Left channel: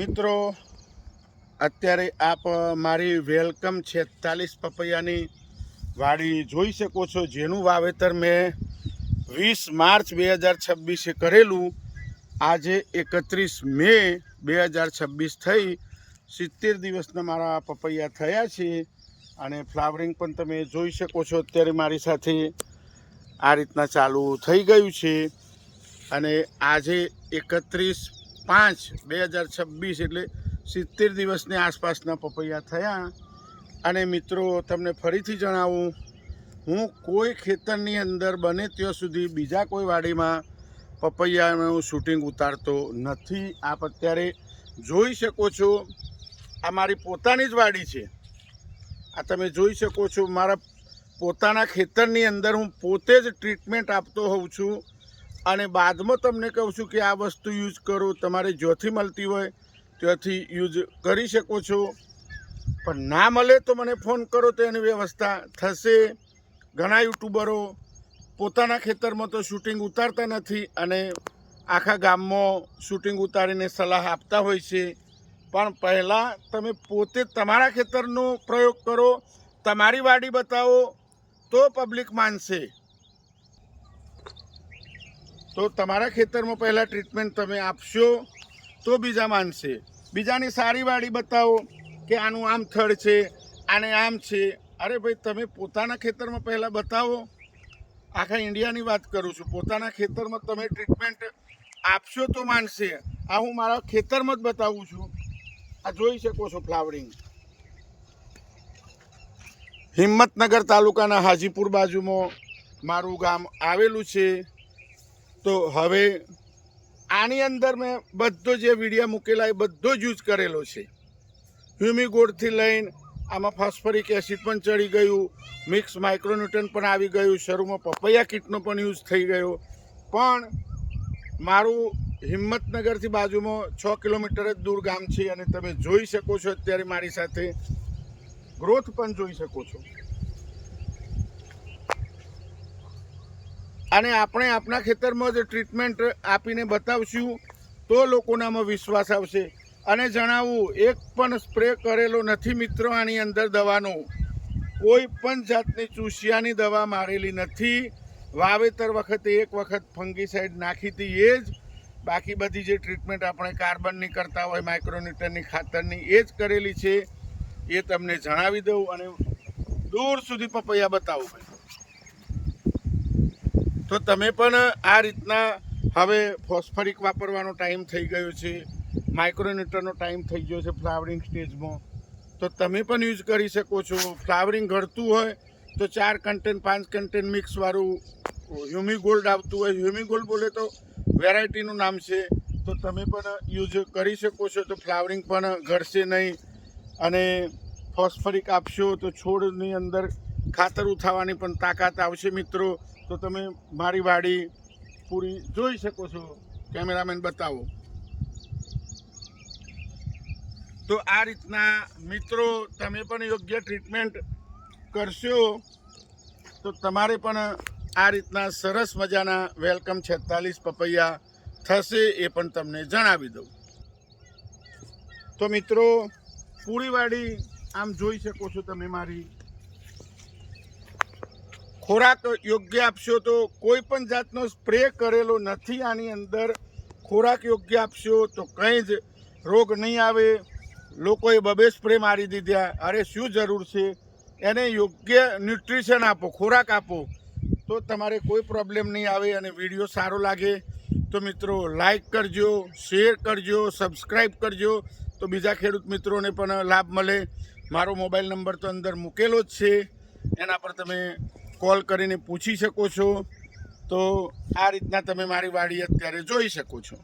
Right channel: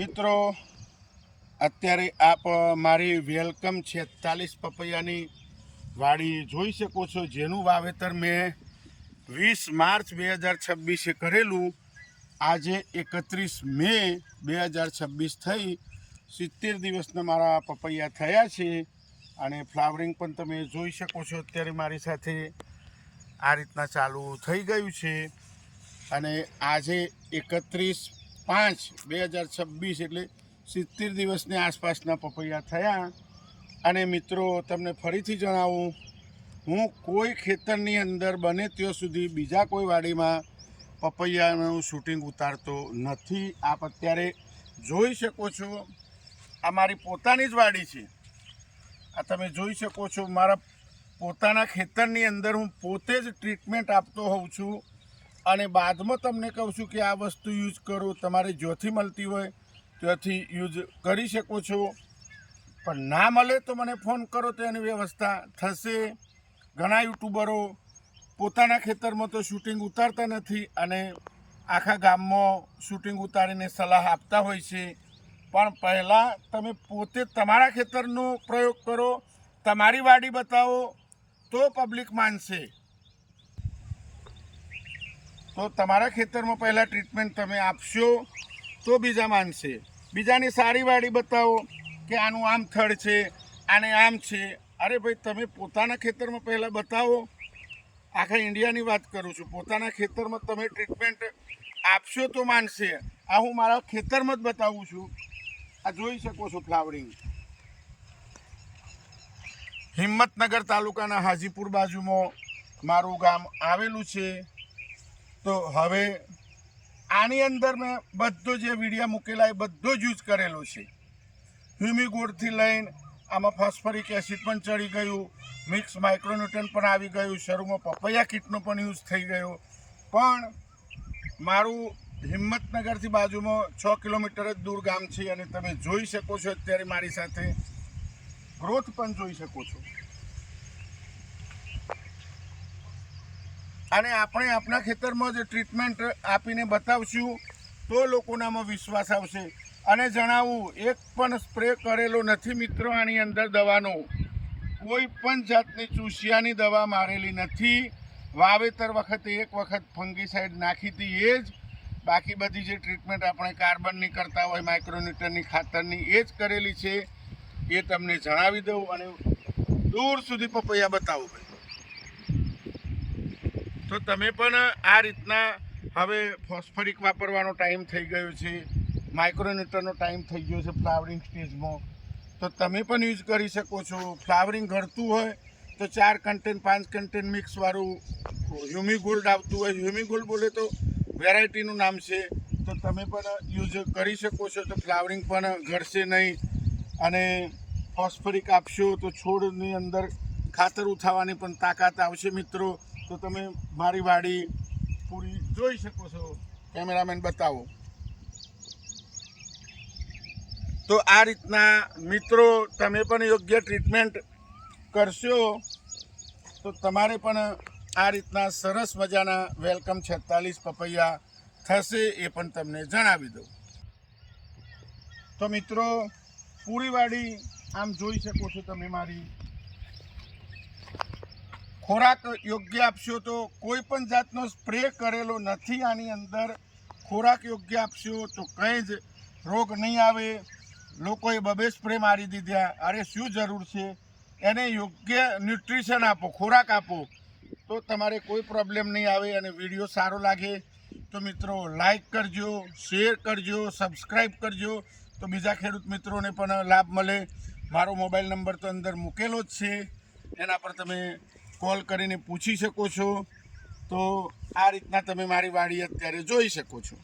મિત્રો, અત્યારે આપ મારી વેલકમ 46 પપૈયાની વાડી જોઈ શકો છો, જેનું વાવેતર મેં 20 માર્ચ 2026 કરેલું. આજે 31 મે 2026 થઈ 70 દિવસના મારા પપૈયા થયા છે અને ફ્લાવરિંગ પણ તમે જોઈ શકો છો. અત્યારે મારી સાથે આ રીતના ચાલુ થઈ ગયું છે અને આજે 31/5/2026 એટલે 70 દિવસની આસપાસના પપૈયા થયા. અને મિત્રો, તમને ફરીથી જણાવું, હું કોઈ ખેતરની અંદર બને ત્યાં સુધી બીજા કોઈ વાડીમાં પપૈયાનું શૂટિંગ ઉતારતો નથી. આપ અત્યારે જોઈ શકો છો, આ મારી પોતાની જ વાડી છે. આ તમે જોઈ શકો છો, મારા પોતાના ખેતરની અંદર હું પોતે જ ટ્રીટમેન્ટ આપતો હોઉં છું અને બાદમાં તમને કહું છું કે આ વસ્તુ યુઝ કરો. તમારે જ્યાંથી મળતી હોય ત્યાંથી યુઝ કરી શકો છો, પણ ના મળે તો મને ફોન કરો તો એની વ્યવસ્થા થશે. ઘણા યુટ્યુબરો પોતાના ખેતરમાં તો શૂટિંગ ઉતારતા નથી અને આખા ગામમાં શૂટિંગ ઉતારીને સલાહ આપતા હોય છે. પણ પહેલાં તમે પોતે તમારા ખેતરનો પ્રયોગ કરો, તમારી વાડી બતાવો તો પબ્લિક માનશે. તો તમારા ખેતરમાં પહેલાં ટ્રીટમેન્ટ તમે આપશો તો બીજા માનશે. બીજાની સારી વાડી બતાવો કે આનું આમ થડ છે, આને આમ છે. અરે ભાઈ, તમે પોતાના ખેતરમાં પહેલાં બતાવો. આખા ઇન્ડિયાની વાત કરું છું. પોતાના ખેતરમાં તમે ટ્રીટમેન્ટ આપશો તો માનશે. આ હું મારા ખેતરમાં જ બતાવું છું. આ જોઈ શકો છો ફ્લાવરિંગ. હિંમતનગર તાલુકાના હાજીપુર બાજુમાં મારું ગામ આવેલું છે. તો હવે આની અંદર મેં બધો જે વિડીયો મૂકેલા એ બધો જ યુઝ કરેલો છે. હ્યુમિગોડથી લઈને આમાં ફોસ્ફરિક એસિડ પણ ચડી ગયું, મિક્સ માઇક્રોન્યુટ્રન પણ આવી ગયું, શરૂમાં પપૈયા કીટનો પણ યુઝ થઈ ગયો. પણ મારું હિંમતનગરથી બાજુમાં 6 કિલોમીટર જ દૂર ગામ છે અને તમે જોઈ શકો છો અત્યારે મારી સાથે ગ્રોથ પણ જોઈ શકો છો. અને આપણે આપણા ખેતરમાં જ ટ્રીટમેન્ટ આપીને બતાવશું તો લોકોનામાં વિશ્વાસ આવશે. અને જણાવું, એક પણ સ્પ્રે કરેલો નથી મિત્રો. આની અંદર દવાનો કોઈ પણ જાતની ચૂસિયાની દવા મારેલી નથી. વાવેતર વખતે એક વખત ફંગીસાઇડ નાખી હતી એ જ. બાકી બધી જે ટ્રીટમેન્ટ આપણે કાર્બનની કરતા હોય, માઇક્રોન્યુટ્રનની, ખાતરની, એ જ કરેલી છે. એ તમને જણાવી દઉં અને દૂર સુધી પપૈયા બતાવું. તો તમે પણ આ રીતના હવે ફોસ્ફરિક વાપરવાનો ટાઈમ થઈ ગયો છે, માઇક્રોન્યુટ્રનનો ટાઈમ થઈ ગયો છે ફ્લાવરિંગ સ્ટેજમાં, તો તમે પણ યુઝ કરી શકો છો. ફ્લાવરિંગ ઘટતું હોય તો 4 કન્ટેન્ટ 5 કન્ટેન્ટ મિક્સવાળું હ્યુમિગોલ્ડ આવતું હોય. હ્યુમિગોલ્ડ બોલે તો વેરાયટીનું નામ છે. તો તમે પણ યુઝ કરી શકો છો. તો ફ્લાવરિંગ પણ ઘટશે નહીં. અને ફોસ્ફરિક આપશો તો છોડની અંદર ખાતર ઉઠાવવાની પણ તાકાત આવશે મિત્રો. તો તમે મારી વાડી પૂરી જોઈ શકો છો. કેમેરામેન બતાવો. તો આ રીતના મિત્રો તમે પણ યોગ્ય ટ્રીટમેન્ટ કરશો તો તમારે પણ આ રીતના સરસ મજાના વેલકમ 46 પપૈયા થશે. એ પણ તમને જણાવી દઉં. તો મિત્રો, પૂરી વાડી આમ જોઈ શકો છો તમે મારી. ખોરાક યોગ્ય આપશો તો કોઈ પણ જાતનો સ્પ્રે કરેલો નથી. આની અંદર ખોરાક યોગ્ય આપશો તો કંઈ જ રોગ નહીં આવે. લોકોએ 2 સ્પ્રે મારી દીધા. અરે શું જરૂર છે? એને યોગ્ય ન્યુટ્રિશન આપો, ખોરાક આપો તો તમારે કોઈ પ્રોબ્લેમ નહીં આવે. અને વિડીયો સારો લાગે તો મિત્રો લાઈક કરજો, શેર કરજો, સબસ્ક્રાઈબ કરજો તો બીજા ખેડૂત મિત્રોને પણ લાભ મળે. મારો મોબાઈલ નંબર તો અંદર મૂકેલો જ છે, એના પર તમે કોલ કરીને પૂછી શકો છો. તો આ રીતના તમે મારી વાડી અત્યારે જોઈ શકો છો.